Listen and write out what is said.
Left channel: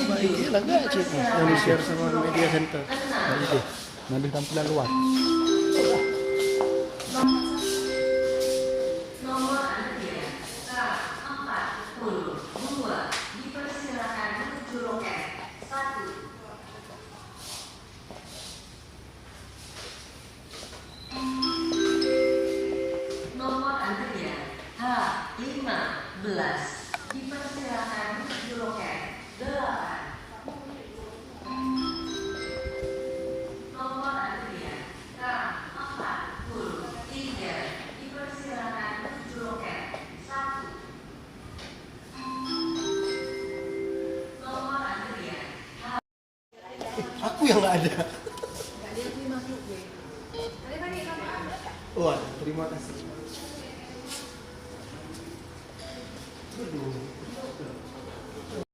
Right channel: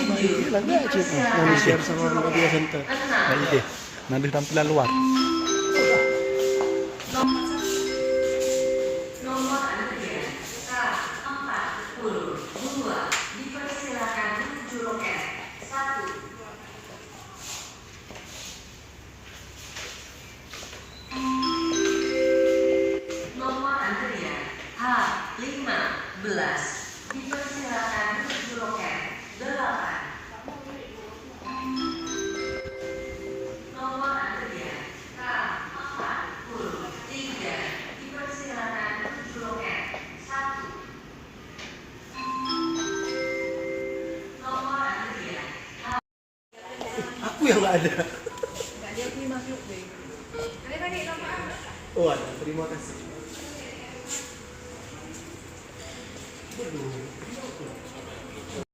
Baik lah gak cik yang di-share sama media center. Baik deh. Nanti tampilan luar. Nomor antrian K42 dipersilakan menuju loket 1. Nomor antrian H15 dipersilakan menuju loket 8. Nomor antrian K43 dipersilakan menuju loket 1. Nomor antrian Aku yang nggak ada. Oh, terima kasih. Aduh.